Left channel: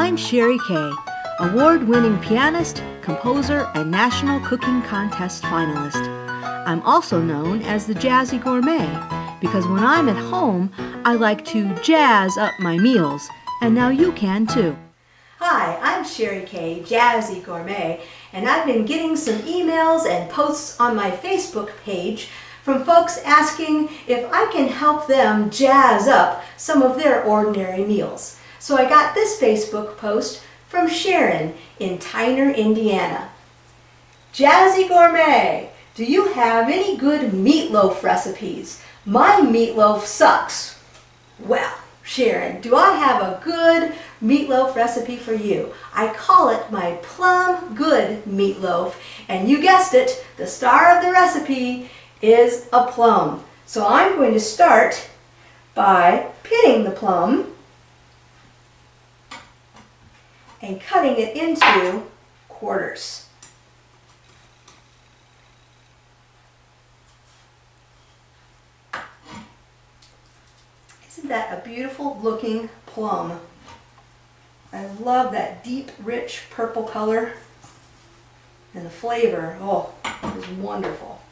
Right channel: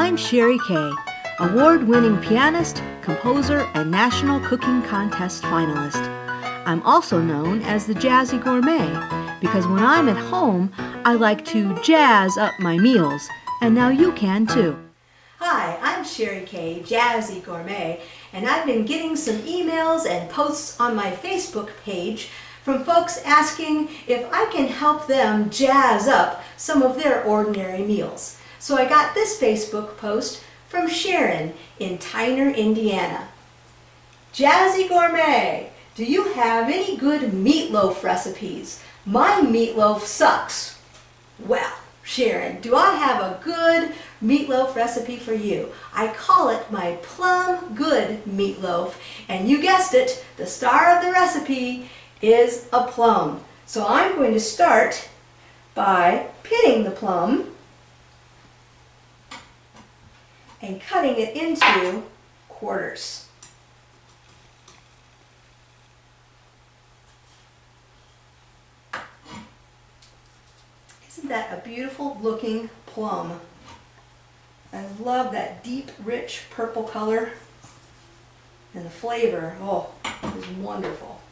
I'm Sherry Kay, award-winning pianist, composer, and National Cooking Contest finalist. I'm also known as the Jazzy Gourmet because when I'm at home, I like to jazz up my meals, and now you can too. Hi, I'm Sherry Kay, Jazzy Gourmet, and I've been getting some emails and posts on my Facebook page from folks asking if I can help them jazz up some of their ordinary meals. So I got this Facebook post from Sharon in Tyner, Indiana. Jazzy Gourmet, do you have any good meatloaf recipes? My meatloaf sucks. Well, Sharon, do I have a good meatloaf recipe for you? I call it my Plum Good meatloaf, and you guessed it, the star of the recipe is a plum. So I'm going to start by pitting the plum and cutting it into quarters. Isn't that a beautiful looking plum? I love that deep, rich purple color, and the flavor, oh, is wonderful.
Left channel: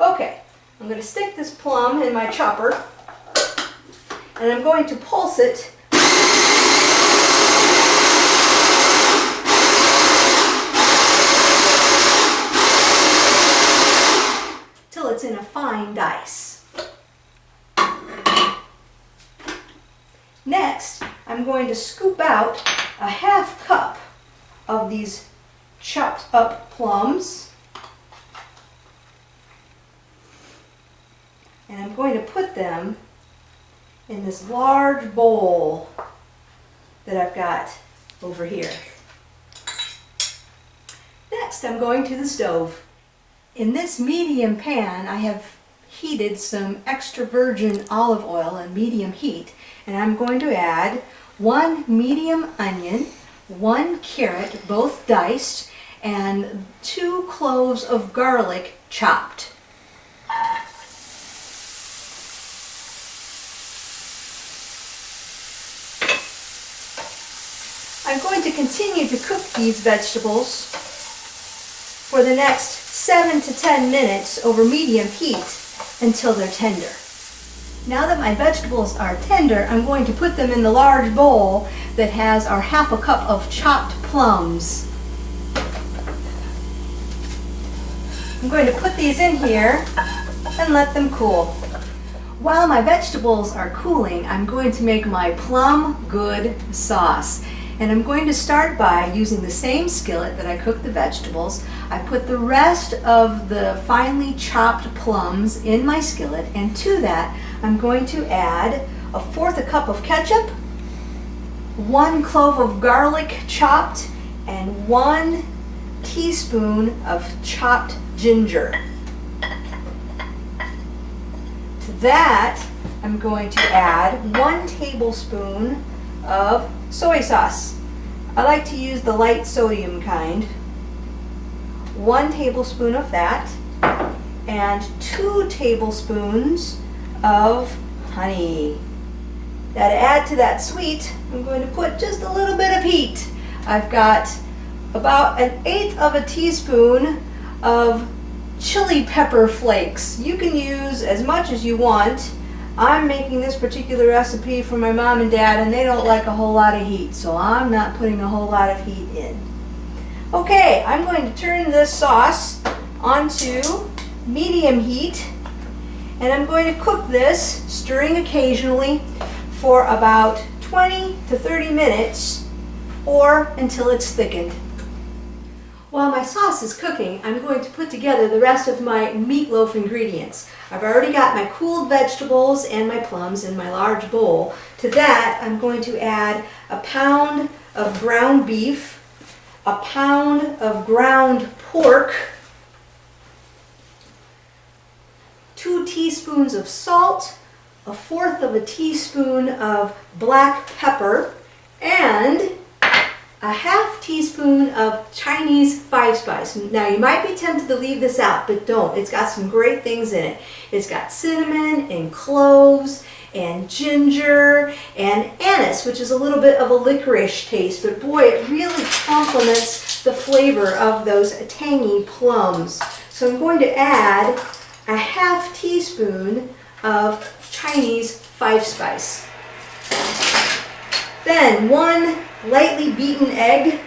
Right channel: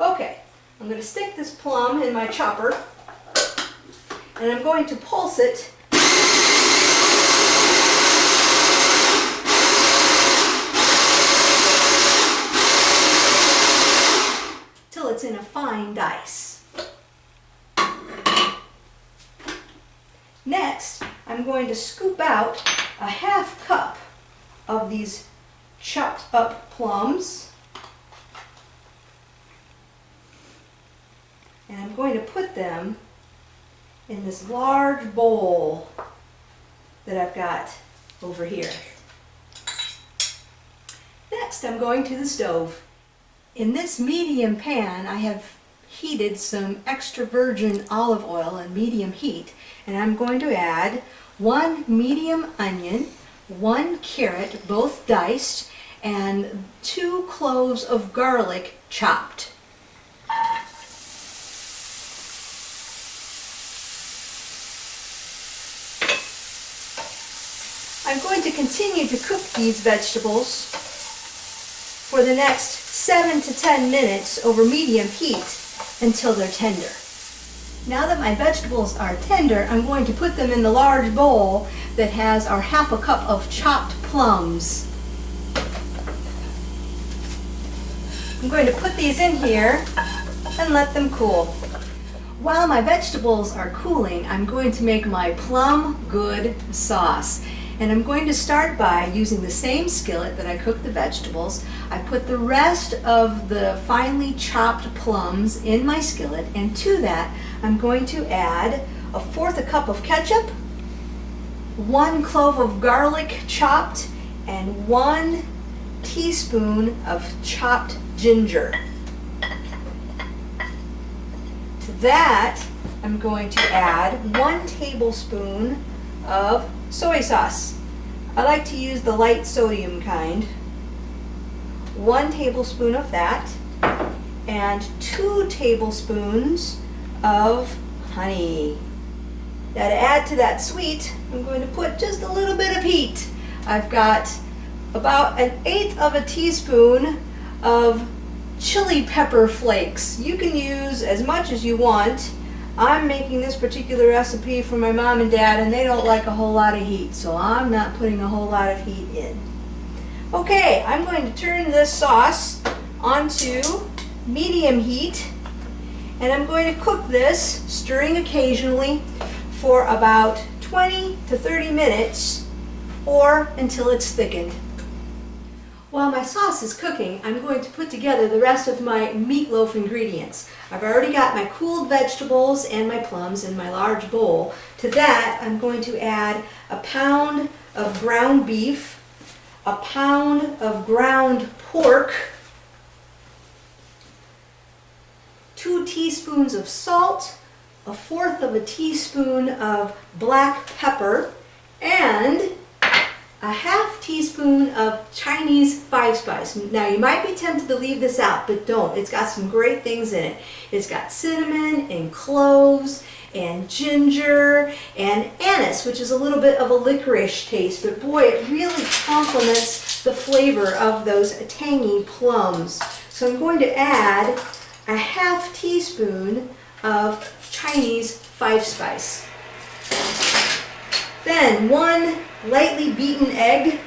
Okay, I'm going to stick this plum in my chopper, and I'm going to pulse it till it's in a fine dice. Next, I'm going to scoop out a half cup of these chopped up plums, and I'm going to put them in this large bowl that I've got over here. Next, I'm going to the stove. In this medium pan, I have heated some extra virgin olive oil in medium heat, and I'm going to add 1 medium onion, 1 carrot, both diced, and 2 cloves of garlic chopped. I'm going to continue to cook these vegetables for the next 7 to 10 minutes over medium heat until they're tender. Now that my vegetables are tender, I'm going to put them in the large bowl that has our half a cup of chopped plums. I'm going to put these in here and let them cool. While my vegetables are cooling, I'm going to make my Plum Good sauce. And I'm going to start by using the same skillet that I cooked the vegetables. I put the rest of the finely chopped plums in my skillet, and to that I'm going to add 1/4 cup of ketchup, 1 clove of garlic chopped, and 1 teaspoon of chopped ginger. To that I'm going to add 1 tablespoon of soy sauce. I like to use the light sodium kind. 1 tablespoon of that, and 2 tablespoons of honey. Now to add to that sweet, I'm going to put just a little bit of heat. I've got about 1/8 of a teaspoon of chili pepper flakes. You can use as much as you want. I'm making this particular recipe for my mom and dad, and they don't like a whole lot of heat, so I'm not putting a whole lot of heat in. Okay, I'm going to turn this sauce onto medium heat, and I'm going to cook this, stirring occasionally, for about 20 to 30 minutes, or until it's thickened. While my sauce is cooking, I'm going to put together the rest of my meatloaf ingredients. I've already got my cooled vegetables and my plums in my large bowl. To that, I'm going to add 1 pound of ground beef, 1 pound of ground pork, 2 teaspoons of salt, 1/4 of a teaspoon of black pepper, and 1/2 teaspoon of Chinese 5-spice. Now you might be tempted to leave this out, but don't. It's got some great things in it. It's got cinnamon and cloves and ginger and anise, which is a little bit of a licorice taste, but boy, it really complements the flavor of those tangy plums. So I'm going to add a half teaspoon of Chinese 5-spice. Then 1 lightly beaten egg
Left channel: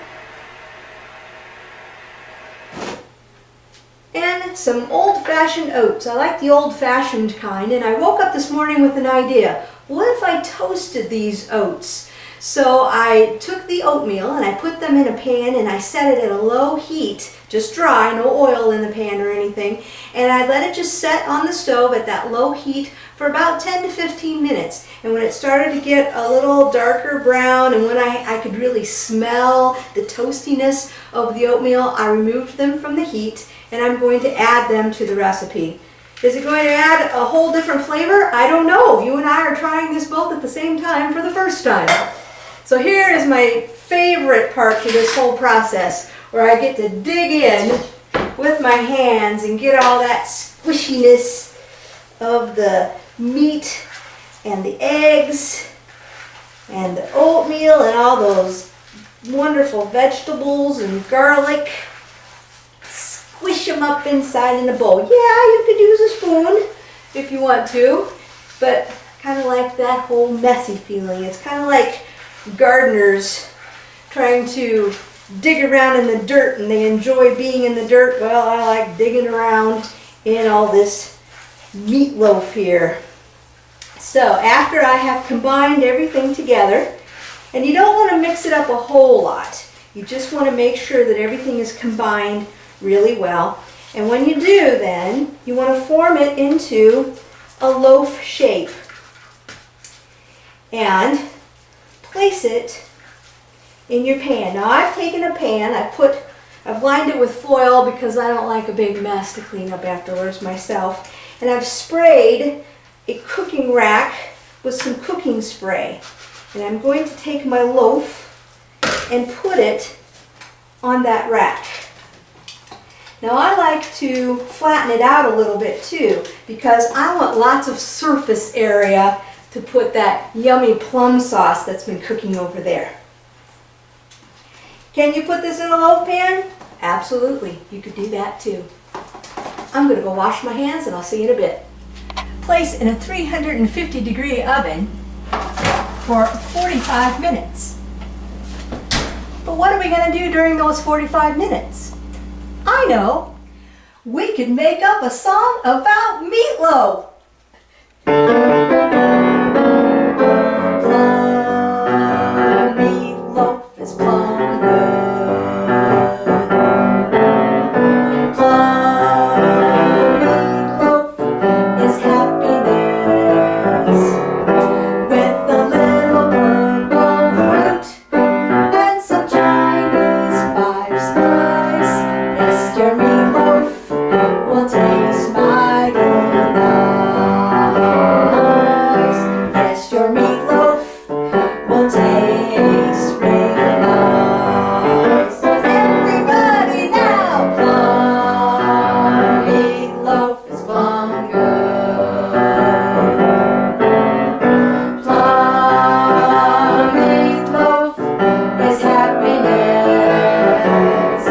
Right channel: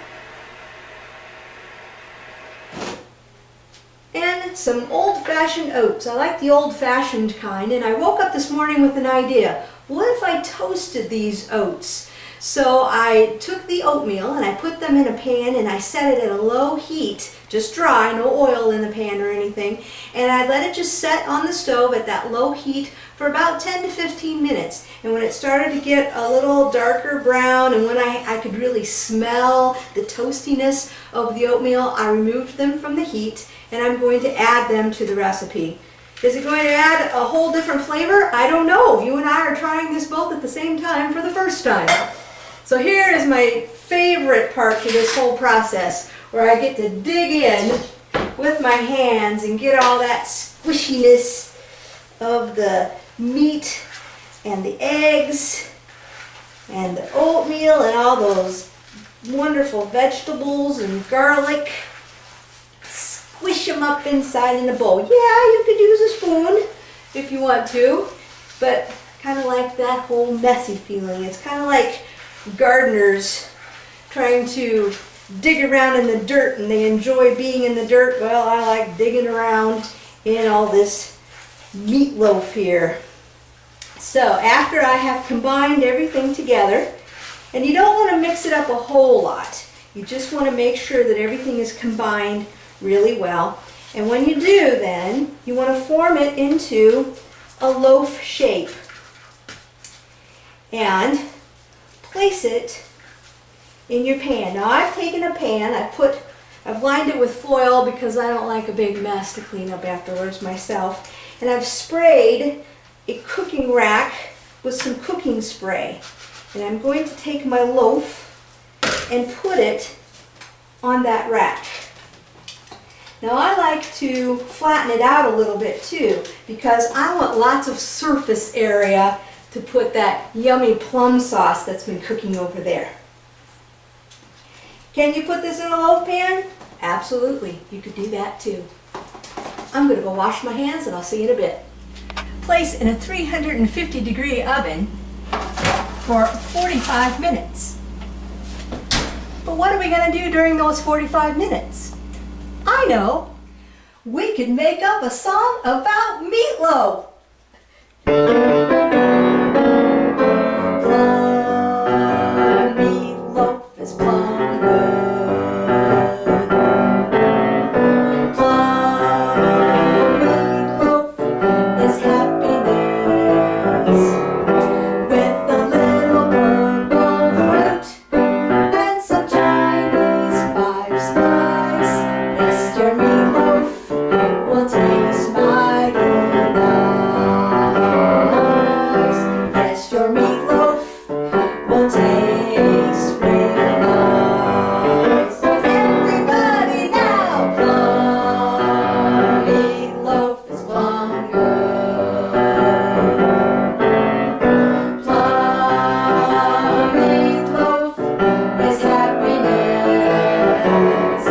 and some old-fashioned oats. I like the old-fashioned kind, and I woke up this morning with an idea. What if I toasted these oats? So I took the oatmeal and I put them in a pan and I set it at a low heat, just dry, no oil in the pan or anything, and I let it just set on the stove at that low heat for about 10 to 15 minutes. And when it started to get a little darker brown and when I could really smell the toastiness of the oatmeal, I removed them from the heat and I'm going to add them to the recipe. Is it going to add a whole different flavor? I don't know. You and I are trying this both at the same time for the first time. So here is my favorite part to this whole process, where I get to dig in with my hands and get all that squishiness of the meat and the eggs and the oatmeal and all those wonderful vegetables and garlic. Squish them up inside in a bowl. Yeah, you could use a spoon if you want to, but kind of like that whole messy feeling. It's kind of like gardeners trying to dig around in the dirt, and they enjoy being in the dirt. Well, I like digging around in all this meatloaf here. So after I have combined everything together, and you don't want to mix it up a whole lot, you just want to make sure that everything is combined really well. And when you do, then you want to form it into a loaf shape and place it in your pan. Now I've taken a pan, I've lined it with foil because I don't like a big mess to clean up afterwards myself, and I've sprayed a cooking rack with some cooking spray. And I'm going to take my loaf and put it on that rack. Now I like to flatten it out a little bit too, because I want lots of surface area to put that yummy plum sauce that's been cooking over there. Can you put this in a loaf pan? Absolutely, you could do that too. I'm going to go wash my hands and I'll see you in a bit. Place in a 350-degree oven for 45 minutes. But what are we going to do during those 45 minutes? I know! We could make up a song about meatloaf! Meatloaf is plum good. Plum meatloaf is happiness, with a little purple fruit and some Chinese 5-spice. Yes, your meatloaf will taste mighty nice. Yes, your meatloaf will taste really nice. Everybody now, plum meatloaf is plum good. Plum meatloaf is happiness,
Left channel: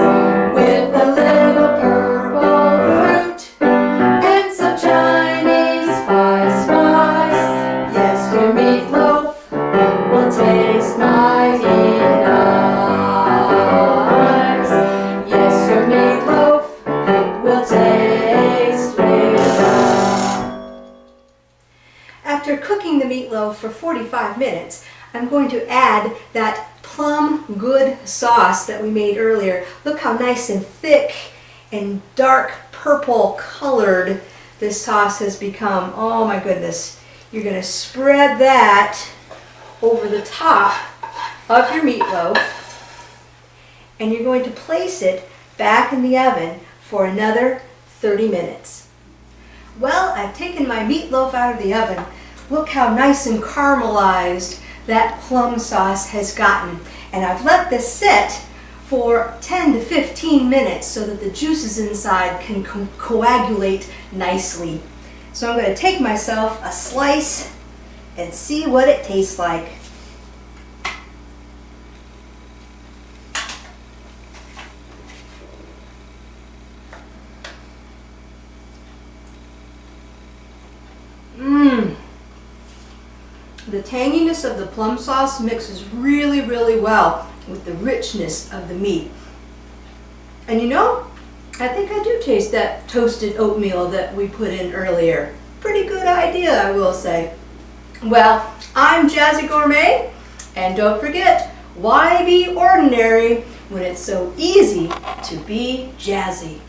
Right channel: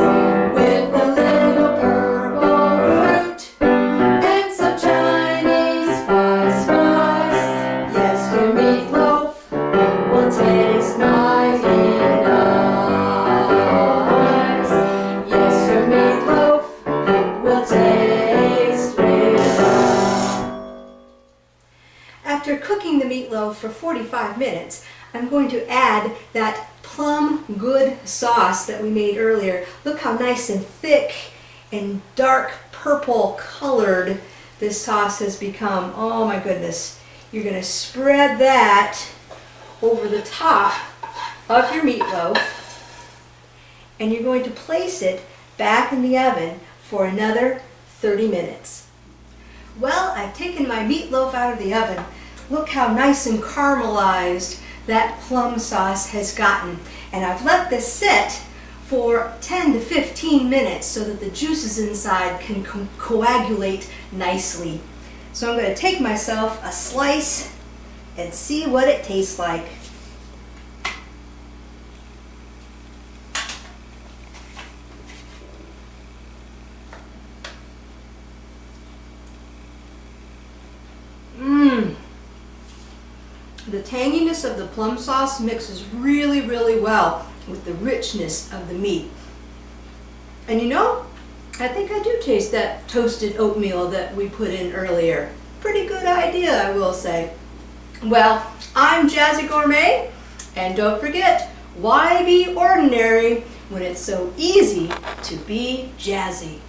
with a little purple fruit and some Chinese 5-spice. Yes, your meatloaf will taste mighty nice. Yes, your meatloaf will taste really nice. After cooking the meatloaf for 45 minutes, I'm going to add that plum good sauce that we made earlier. Look how nice and thick and dark purple colored this sauce has become. Oh my goodness. You're going to spread that over the top of your meatloaf, and you're going to place it back in the oven for another 30 minutes. Well, I've taken my meatloaf out of the oven. Look how nice and caramelized that plum sauce has gotten. And I've let this sit for 10 to 15 minutes so that the juices inside can coagulate nicely. So I'm going to take myself a slice and see what it tastes like. Mmm. The tanginess of the plum sauce mixes really, really well with the richness of the meat. And you know, I think I do taste that toasted oatmeal that we put in earlier. Pretty good idea, I will say. Well, I'm Jazzy Gourmet, and don't forget, why be ordinary when it's so easy to be jazzy?